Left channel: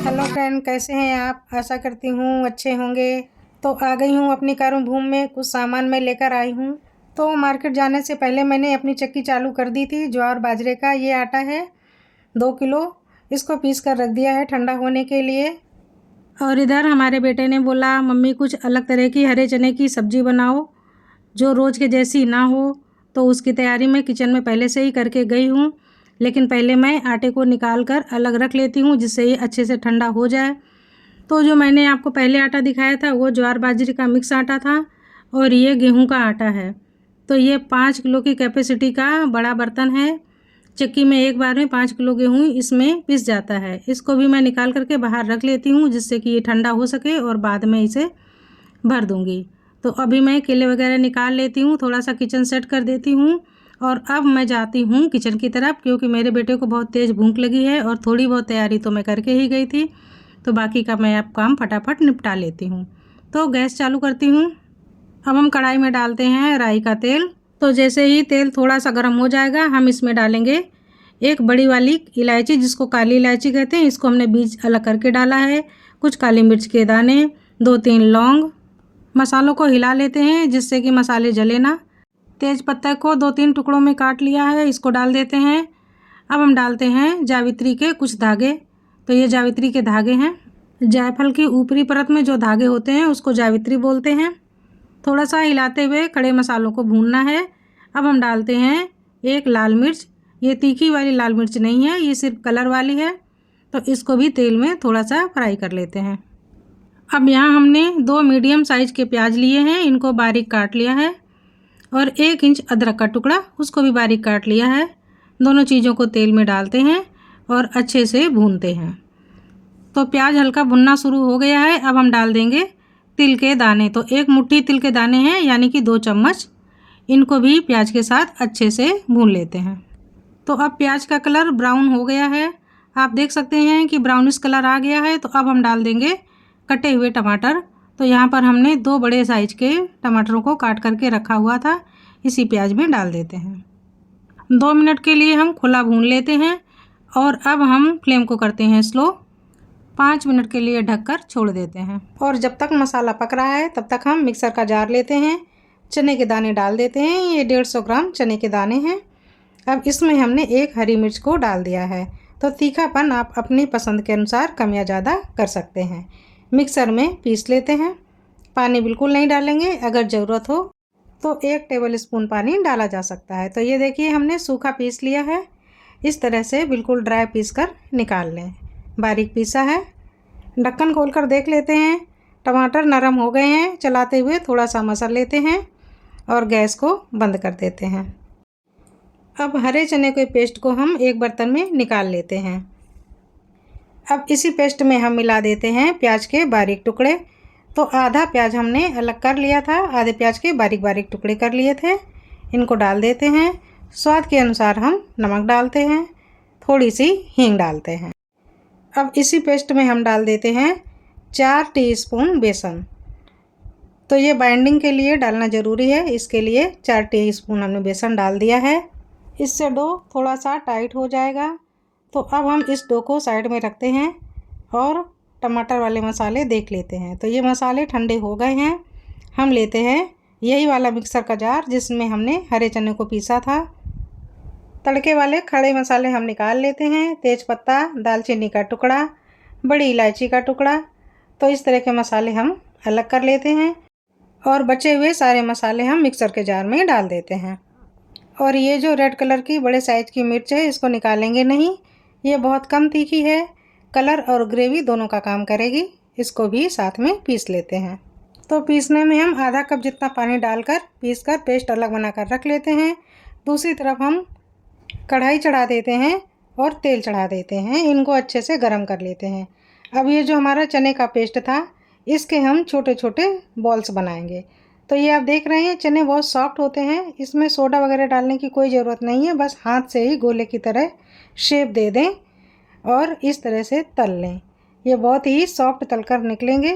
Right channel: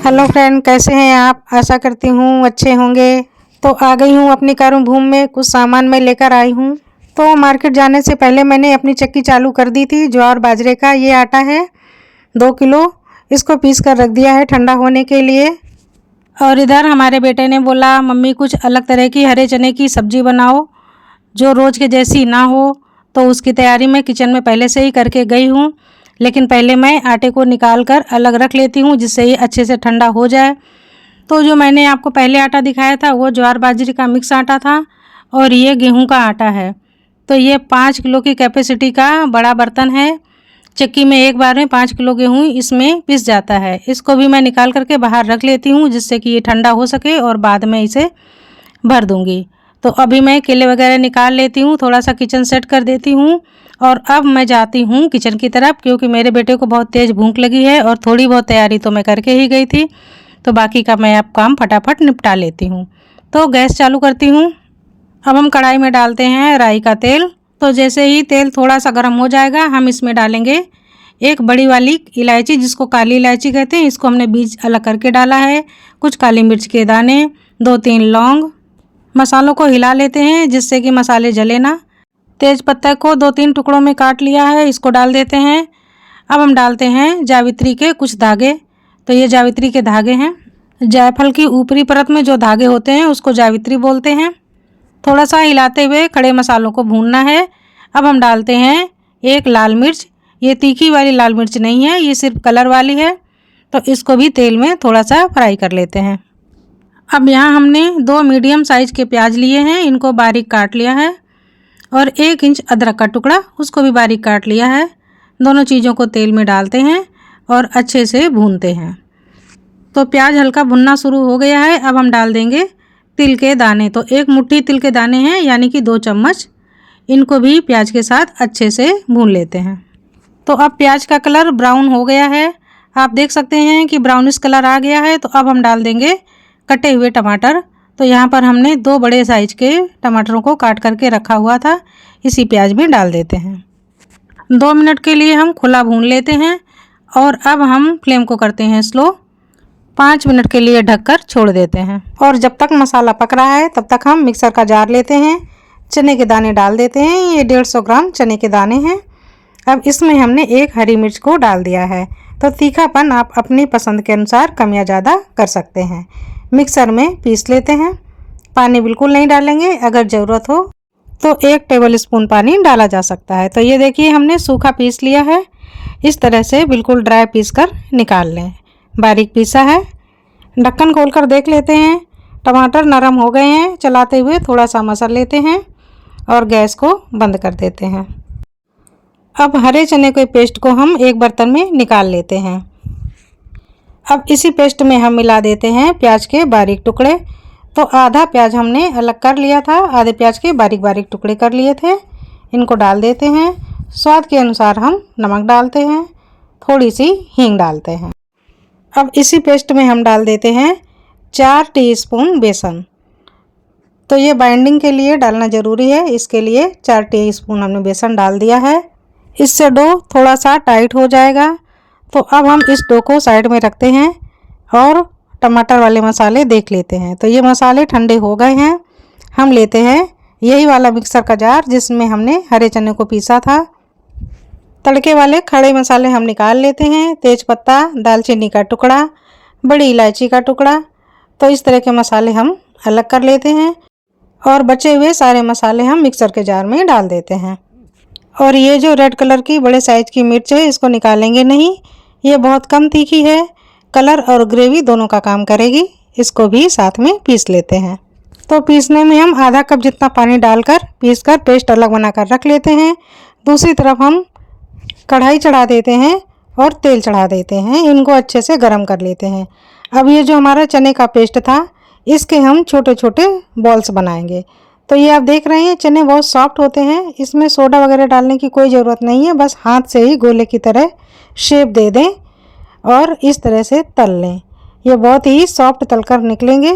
Hello friend, कैसे हैं आप? आशा करती हूँ अच्छे होंगे। तो आ गई हूँ अपनी कार्यभूमि में, कुछ सामान मैं लेकर आई हूँ। तो मार्केट जाने से पहले मैंने अपनी चक्की चालू कर दी थी। ज्वार बाजरे का ये आटा है 2 किलो, इसको पीस कर रख दिया है ठंडा होने के लिए। और इधर हमारे बेटे ने बोला मम्मी कुछ अलग तरह की हरे चने की सब्जी बनाओ जो रोज़ के जैसी ना हो। तो उसकी तैयारी मैं किचन में पहले से ही करके गई हूँ, लेकिन पहले मैं आटे को निकाल कर अलग रख लेती हूँ जिससे ये अच्छे से ठंडा हो जाए। तो जो मैंने आपको पहले आटा दिखाया था वो ज्वार बाजरे का मिक्स आटा था और ये गेहूं का आटा है। तो ये 5 किलो की कैपेसिटी का बड़ा बर्तन है। चक्की में एक बार में 5 किलो गेहूँ इसमें पिस जाता है। इसको भी मैं निकाल करके बाहर रख लेती हूँ जिससे कि ये ठंडा हो सके और बाद में इसे भर दूँगी। तो अभी मैं केले वगैरह निकाल लेती हूँ, थोड़ा सा किचन सेट कर देती हूँ और अब मैं जाती हूँ किचन की तरफ, क्योंकि मेरे बेटे को बहुत तेज़ भूख लगी है और थोड़ी बहुत तैयारी तो मैं करके ही गई थी। तो बाकी का मैं अब काम फटाफट निपटा लेती हूँ। तो गैस चालू करती हूँ। अब हम कढ़ाई में डालते हैं राई का तेल। तो जैसे ही तेल थोड़ा सा गर्म हो जाएगा हम इसमें डालेंगे एक बड़ी वाली इलायची, जिसको काली इलायची कहते हैं। इसको हमने बीज अलग करके डाला है। कुछ काली मिर्च के दाने, 2-3 लौंग। मसालों को हिला लेते हैं जिससे कि मसाले जले ना। तेज पत्ता को 2-3 टुकड़ों में काट लिया है, इसको डाल देते हैं। अब हम डालते हैं जावित्री के कुछ धागे। तो ये जावित्री के धागे हैं। जायफल की ऊपरी परत में जो धागे होते हैं उसको जावित्री बोलते हैं। थोड़ा सा हिलाते हुए खड़े मसालों को भूनना है। अब हम डालते हैं एक लाल मिर्च। ये तीखी वाली लाल मिर्च नहीं है, ये सिर्फ कलर वाली है। तो इसको भी तेल में थोड़ा सा फ्राई कर लेते हैं। अब यहाँ हमने 2 मीडियम साइज़ के प्याज लिए हैं, इनको बारीक काट लिया है। और 1 इंच अदरक का टुकड़ा, उसको भी बारीक काट लिया है। दोनों चीज़ों को तेल में डालते हैं और अच्छे से भूनते हैं। तो प्याज हल्का भुनना शुरू हो गया है। अब हम डाल देंगे तिल के दाने। तो 1 मुट्ठी तिल के दाने हैं, यानी कि 2 चम्मच। इनको भी प्याज के साथ अच्छे से भून लेते हैं। तो अब प्याज का कलर ब्राउन हो गया है, आप देख सकते हैं कि ब्राउनिश कलर आ गया है। तो अब हम डाल देंगे कटे हुए टमाटर। तो यहाँ पर हमने 2 बड़े साइज के टमाटरों को काट करके रखा हुआ था, इसी प्याज में डाल देते हैं। 2 मिनट के लिए हम खुला भून लेते हैं और अब हम फ्लेम को करते हैं स्लो। 5 मिनट के लिए ढककर छोड़ देते हैं। और जब तक मसाला पक रहा है तब तक हम मिक्सर का जार लेते हैं, चने के दाने डाल देते हैं। ये 150 ग्राम चने के दाने हैं। अब इसमें हमने 1 हरी मिर्च को डाल दिया है। तो तीखापन आप अपनी पसंद के अनुसार कम या ज़्यादा कर सकते हैं। मिक्सर में पीस लेते हैं। पानी बिल्कुल नहीं डालेंगे, अगर ज़रूरत हो तो 1 टेबल स्पून पानी डाला जा सकता है। तो ये देखिए हमने सूखा पीस लिया है। इस तरह से बिल्कुल ड्राई पीस कर निकाल लें। बारीक पीसा है। ढक्कन खोलकर देख लेते हैं, टमाटर नरम हो गए हैं। चलाते हुए थोड़ा सा मसल लेते हैं और गैस को बंद कर देते हैं। अब हरे चने के पेस्ट को हम एक बर्तन में निकाल लेते हैं। अब इसी पेस्ट में हम मिला देते हैं प्याज के बारीक टुकड़े। तो आधा प्याज हमने अलग कर लिया था, आधे प्याज के बारीक बारीक टुकड़े कर लिए थे। इनको डाल देते हैं। स्वाद के अनुसार हम नमक डालते हैं, थोड़ी सी हींग डालते हैं। अब इसी पेस्ट में हम डाल देते हैं 4 टीस्पून बेसन। तो ये बाइंडिंग के लिए डालना ज़रूरी है, इसके लिए 4 टीस्पून हमने बेसन डाल दिया है। इससे डो थोड़ा सा टाइट हो जाएगा। तो अब हम इस डो को साइड में रखते हैं और टमाटर वाले मसाले देख लेते हैं। तो ये मसाले ठंडे हो गए हैं। हम लेते हैं यही वाला मिक्सर का जार जिसमें हमने हरे चने को पीसा था। तड़के वाले खड़े मसाले हम निकाल लेते हैं। तेज पत्ता, दालचीनी का टुकड़ा, बड़ी इलायची का टुकड़ा। तो इस तरह के मसाले हम अलग कर लेते हैं और बचे हुए सारे मसाले हम मिक्सर के जार में डाल देते हैं। और ये जो रेड कलर की बड़े साइज़ की मिर्च है इसको निकालेंगे नहीं, ये बहुत कम तीखी है, कलर और ग्रेवी दोनों का काम करेगी। इसको भी साथ में पीस लेते हैं। तो पीसने में हम आधा कप जितना पानी डालकर पीसकर पेस्ट अलग बनाकर रख लेते हैं। दूसरी तरफ हम कढ़ाई चढ़ा देते हैं और तेल चढ़ा देते हैं। इनको अच्छे से गर्म कर लेते हैं। अब ये जो हमारा चने का पेस्ट था इसके हम छोटे छोटे बॉल्स बनाएंगे। तो ये आप देख रहे हैं चने बहुत सॉफ्ट होते हैं, इसमें सोडा वगैरह डालने की कोई ज़रूरत नहीं है। बस हाथ से ही गोले की तरह शेप दे दें और इस तरह से तल लें। ये बहुत ही सॉफ्ट तलकर निकलेंगे,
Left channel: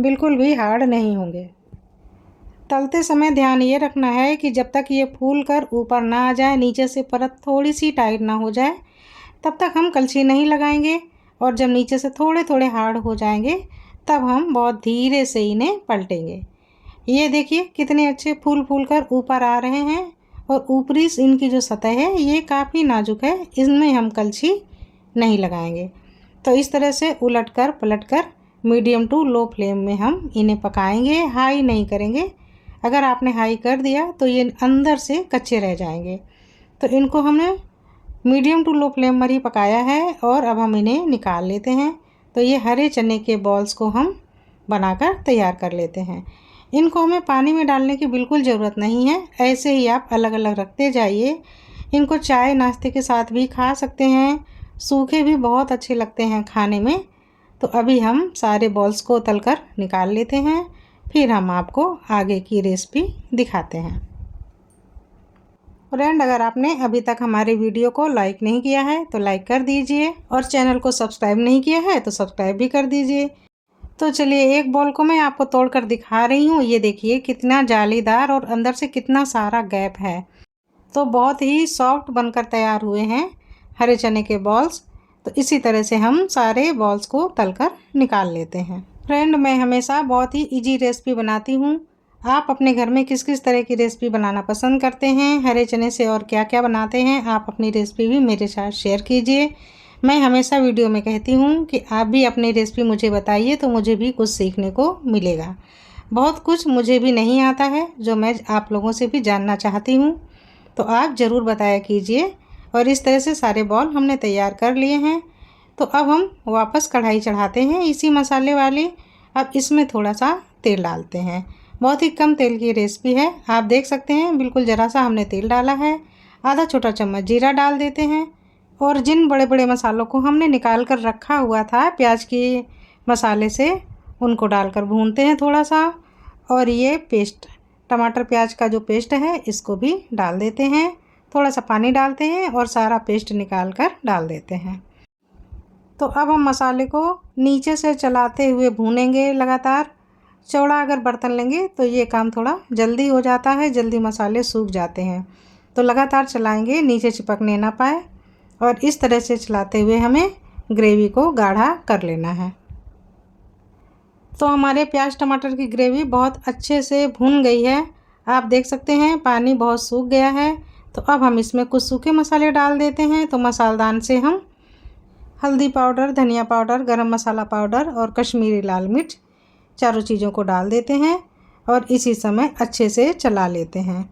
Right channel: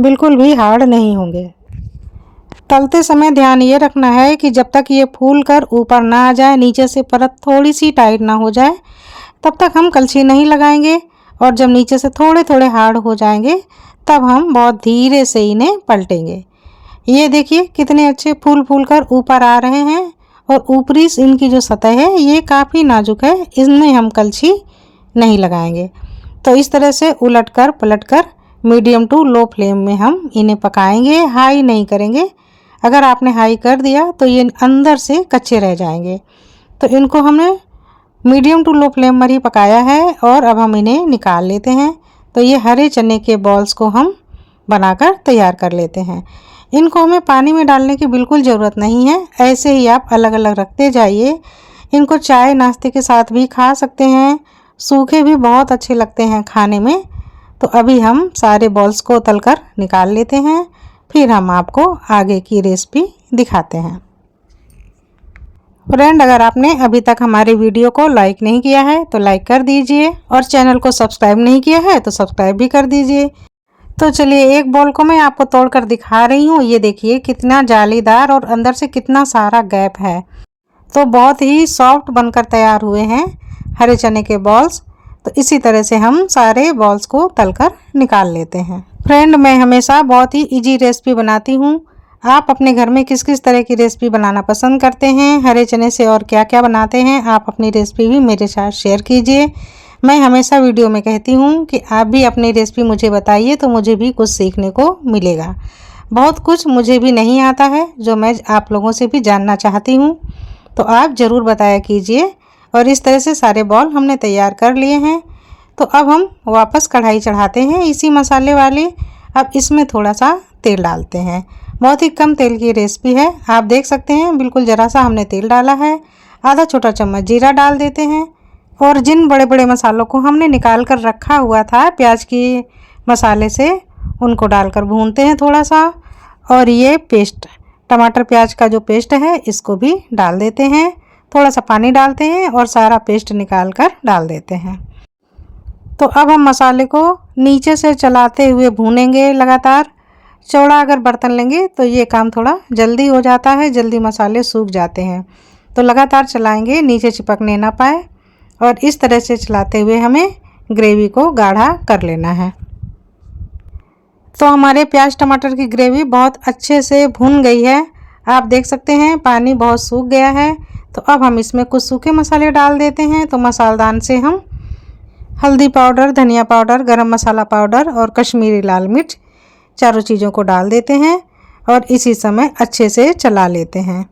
बिल्कुल भी हार्ड नहीं होंगे। तलते समय ध्यान ये रखना है कि जब तक ये फूल कर ऊपर ना आ जाए, नीचे से परत थोड़ी सी टाइट ना हो जाए, तब तक हम कलछी नहीं लगाएंगे और जब नीचे से थोड़े थोड़े हार्ड हो जाएंगे तब हम बहुत धीरे से इन्हें पलटेंगे। ये देखिए कितने अच्छे फूल फूल कर ऊपर आ रहे हैं और ऊपरी इनकी जो सतह है ये काफ़ी नाजुक है, इसमें हम कलछी नहीं लगाएंगे। तो इस तरह से उलट कर पलट कर मीडियम टू लो फ्लेम में हम इन्हें पकाएंगे, हाई नहीं करेंगे। अगर आपने हाई कर दिया तो ये अंदर से कच्चे रह जाएंगे। तो इनको हमने मीडियम टू लो फ्लेम पर ही पकाया है और अब हम इन्हें निकाल लेते हैं। तो ये हरे चने के बॉल्स को हम बनाकर तैयार कर लेते हैं। इनको हमें पानी में डालने की बिल्कुल ज़रूरत नहीं है, ऐसे ही आप अलग अलग रखते जाइए। इनको चाय नाश्ते के साथ भी खा सकते हैं, सूखे भी बहुत अच्छे लगते हैं खाने में। तो अभी हम सारे बॉल्स को तलकर निकाल लेते हैं, फिर हम आपको आगे की रेसिपी दिखाते हैं। फ्रेंड, अगर आपने अभी तक हमारे वीडियो को लाइक नहीं किया है तो लाइक कर दीजिए और चैनल को सब्सक्राइब नहीं किया है तो सब्सक्राइब भी कर दीजिए। तो चलिए एक बॉल को मैं आपको तोड़कर दिखा रही हूँ। ये देखिए कितना जालीदार और अंदर से कितना सारा गैप है। तो बहुत ही सॉफ्ट बनकर तैयार हुए हैं हरे चने के बॉल्स। तो इसी तरह से हम सारे बॉल्स को तलकर निकाल लेते हैं। फ्रेंड, मैं हमेशा बहुत ही इजी रेसिपी बनाती हूँ। आप अपने घर में किस किस तरह की रेसिपी बनाना पसंद करते हैं, हरे चने से और क्या क्या बनाते हैं, आप अपनी रेसिपी भी मेरे साथ शेयर कीजिए। मैं हमेशा वीडियो में कहती हूँ कि आप भी अपनी रेसिपी मुझे बताइए तो मुझे भी कुछ सीखने को मिलेगा। बहुत कुछ मुझे भी नहीं आता है जो मैं आप लोगों से भी जानना चाहती हूँ, तो आप ज़रूर बताया कीजिए। और इस तरह से सारे बॉल हमने तैयार कर लिए हैं। तो अब हम वापस कढ़ाई चढ़ाते हैं इसी मसाले वाली। अब इसमें थोड़ा सा तेल डालते हैं। बहुत ही कम तेल की रेसिपी है, आप देख सकते हैं बिल्कुल ज़रा सा हमने तेल डाला है। आधा छोटा चम्मच जीरा डाल देते हैं और जिन बड़े बड़े मसालों को हमने निकाल कर रखा हुआ था प्याज के मसाले से, उनको डालकर भूनते हैं थोड़ा सा। और ये पेस्ट, टमाटर प्याज का जो पेस्ट है, इसको भी डाल देते हैं। थोड़ा सा पानी डालते हैं और सारा पेस्ट निकाल कर डाल देते हैं। तो अब हम मसाले को नीचे से चलाते हुए भूनेंगे लगातार। चौड़ा अगर बर्तन लेंगे तो ये काम थोड़ा जल्दी हो जाता है, जल्दी मसाले सूख जाते हैं। तो लगातार चलाएंगे, नीचे चिपकने ना पाए। और इस तरह से चलाते हुए हमें ग्रेवी को गाढ़ा कर लेना है। तो हमारे प्याज टमाटर की ग्रेवी बहुत अच्छे से भुन गई है, आप देख सकते हैं पानी बहुत सूख गया है। तो अब हम इसमें कुछ सूखे मसाले डाल देते हैं। तो मसालदान से हम हल्दी पाउडर, धनिया पाउडर, गरम मसाला पाउडर और कश्मीरी लाल मिर्च, चारों चीज़ों को डाल देते हैं और इसी समय अच्छे से चला लेते हैं।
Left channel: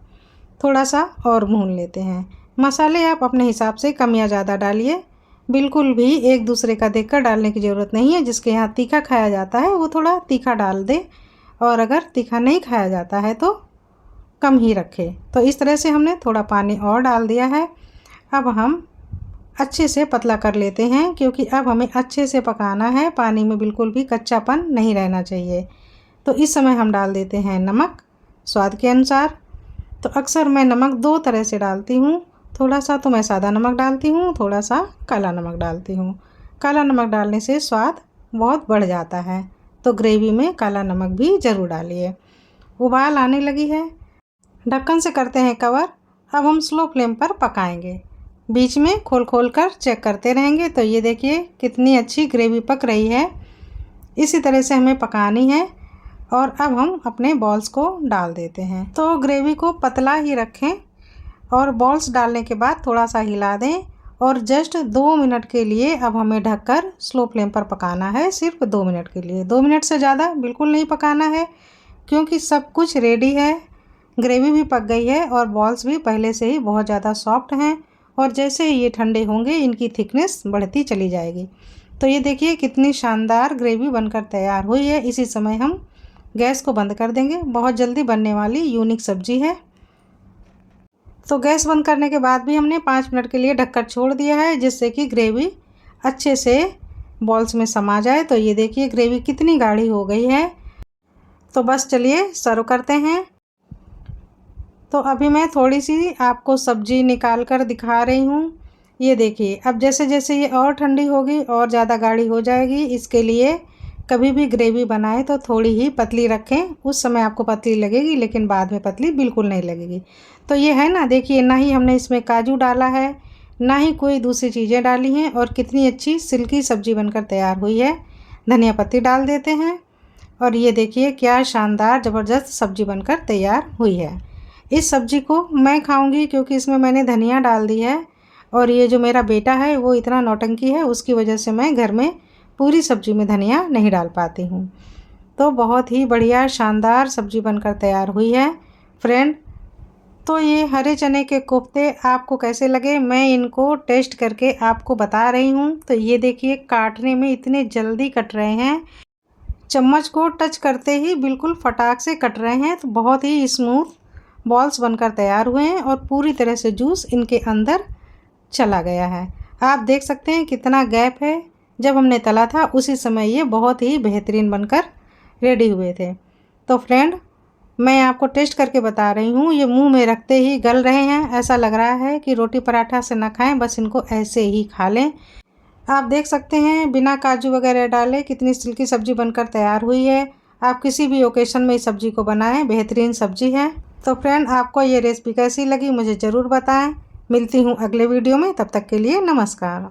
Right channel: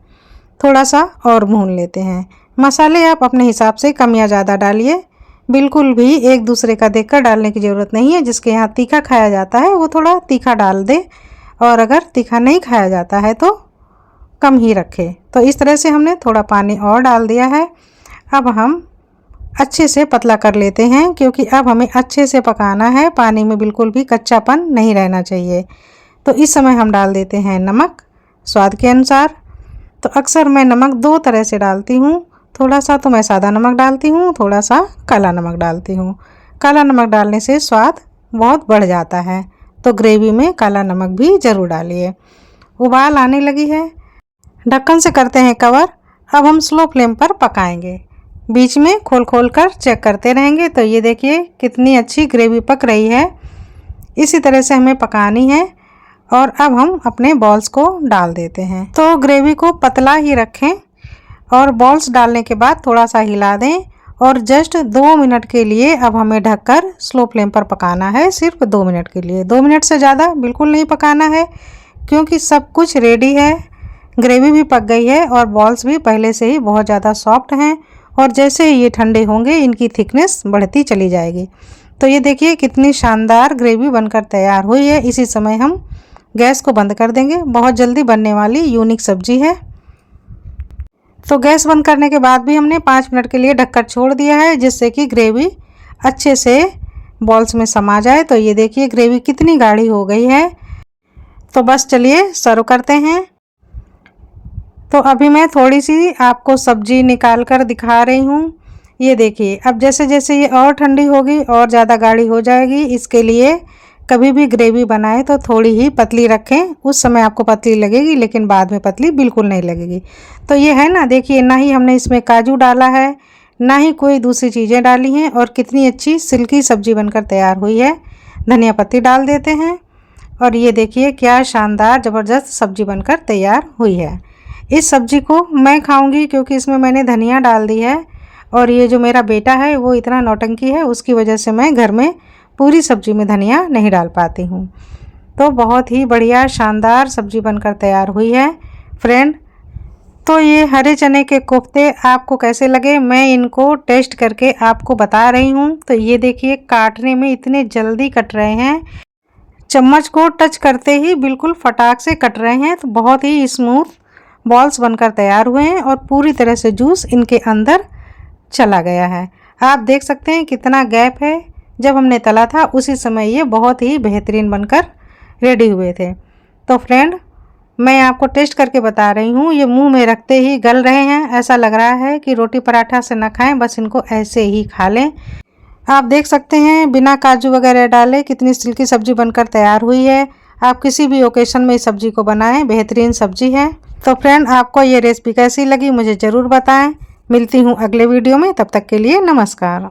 थोड़ा सा और भून लेते हैं। मसाले आप अपने हिसाब से कम या ज़्यादा डालिए, बिल्कुल भी एक दूसरे का देखकर डालने की ज़रूरत नहीं है। जिसके यहाँ तीखा खाया जाता है वो थोड़ा तीखा डाल दे और अगर तीखा नहीं खाया जाता है तो कम ही रखे। तो इस तरह से हमने थोड़ा पानी और डाल दिया है। अब हम अच्छे से पतला कर लेते हैं क्योंकि अब हमें अच्छे से पकाना है, पानी में बिल्कुल भी कच्चापन नहीं रहना चाहिए। तो इस समय हम डाल देते हैं नमक स्वाद के अनुसार। तो अक्सर मैं नमक दो तरह से डालती हूँ, थोड़ा सा तो मैं सादा नमक डालती हूँ, थोड़ा सा काला नमक डालती हूँ। काला नमक डालने से स्वाद बहुत बढ़ जाता है, तो ग्रेवी में काला नमक भी ज़रूर डालिए। उबाल आने लगी है, ढक्कन से करते हैं कवर। अब हम स्लो फ्लेम पर पकाएंगे, बीच में खोल खोल कर चेक करते रहेंगे। तो ये देखिए कितनी अच्छी ग्रेवी पक रही है, इसी तरह से हमें पकानी है। और अब हम अपने बॉल्स को डाल देते हैं। तो ग्रेवी को पतला ही रखें और बॉल्स डालने के बाद थोड़ा सा हिला दें और जस्ट 2 मिनट के लिए अब हमें ढककर स्लो फ्लेम पर पकाना है, सिर्फ 2 मिनट के लिए। 2 मिनट से ज़्यादा बिल्कुल नहीं पकाना है क्योंकि सब कुछ रेडी है, ग्रेवी भी पक गई है और बॉल्स भी पहले से ही बहुत ज़्यादा सॉफ्ट हैं। और जैसे ही ये ठंडे होंगे इनकी थिकनेस बढ़ती चली जाएगी। तो ये देखिए कितनी शानदार ग्रेवी बनकर तैयार हुई है। इसी समय हम गैस को बंद कर देंगे, बहुत जल्दी बनने वाली यूनिक सब्जी है। तो गैस बंद करने के बाद भी हमने 5 मिनट के लिए ढककर छोड़ दिया है, जिससे कि ग्रेवी अच्छे से बॉल्स में समा जाए। तो ये देखिए ग्रेवी कितनी गाढ़ी हो गई है। तो बस चलिए सर्व करते हैं। तो अभी मैं थोड़ी सी आपको सब्जी निकाल कर दिखा रही हूँ। ये देखिए अब जैसे जैसे ये और ठंडी होगी और ज़्यादा गाढ़ी हो जाएगी। इसके लिए कभी भी ग्रेवी बनाए तो थोड़ी ही पतली रखें, उस समय आपको पतली लगेगी लेकिन बाद में पतली बिल्कुल नहीं लगेगी। तो ये है ना, देखिए ना ही हमने इसमें काजू डाला है, ना ही कोई दूसरी चीज़ें डाली हैं और कितनी अच्छी सिल्की सब्जी बनकर तैयार हुई है। धनिया पत्ती डाल देते हैं और ये देखिए क्या शानदार ज़बरदस्त सब्जी बनकर तैयार हुई है। इस सब्जी को मैं खाऊंगी क्योंकि इसमें मैंने धनिया डाल दी है और ये जो मेरा बेटा है वो इतना नौटंकी है, उसकी वजह से मैं घर में पूरी सब्जी में धनिया नहीं डाल पाती हूँ। तो बहुत ही बढ़िया शानदार सब्जी बनकर तैयार हुई है फ्रेंड। तो ये हरे चने के कोफ्ते आपको कैसे लगे, मैं इनको टेस्ट करके आपको बता रही हूँ। तो ये देखिए काटने में इतने जल्दी कट रहे हैं, चम्मच को टच करते ही बिल्कुल फटाक से कट रहे हैं। तो बहुत ही स्मूथ बॉल्स बनकर तैयार हुए हैं और पूरी तरह से जूस इनके अंदर चला गया है। आप देख सकते हैं कितना गैप है, जब हमने तला था उसी समय ये बहुत ही बेहतरीन बनकर रेडी हुए थे। तो फ्रेंड मैं आपको टेस्ट करके बता रही हूँ, ये मुंह में रखते ही गल रहे हैं, ऐसा लग रहा है कि रोटी पराठा से ना खाएं, बस इनको ऐसे ही खा लें। आप देख सकते हैं बिना काजू वगैरह डाले कितनी सिल्की सब्जी बनकर तैयार हुई है। आप किसी भी ओकेशन में इस सब्जी को बनाएं, बेहतरीन सब्जी है। तो फ्रेंड आपको ये रेसिपी कैसी लगी मुझे ज़रूर बताएं। मिलती हूँ अगले वीडियो में, तब तक के लिए नमस्कार।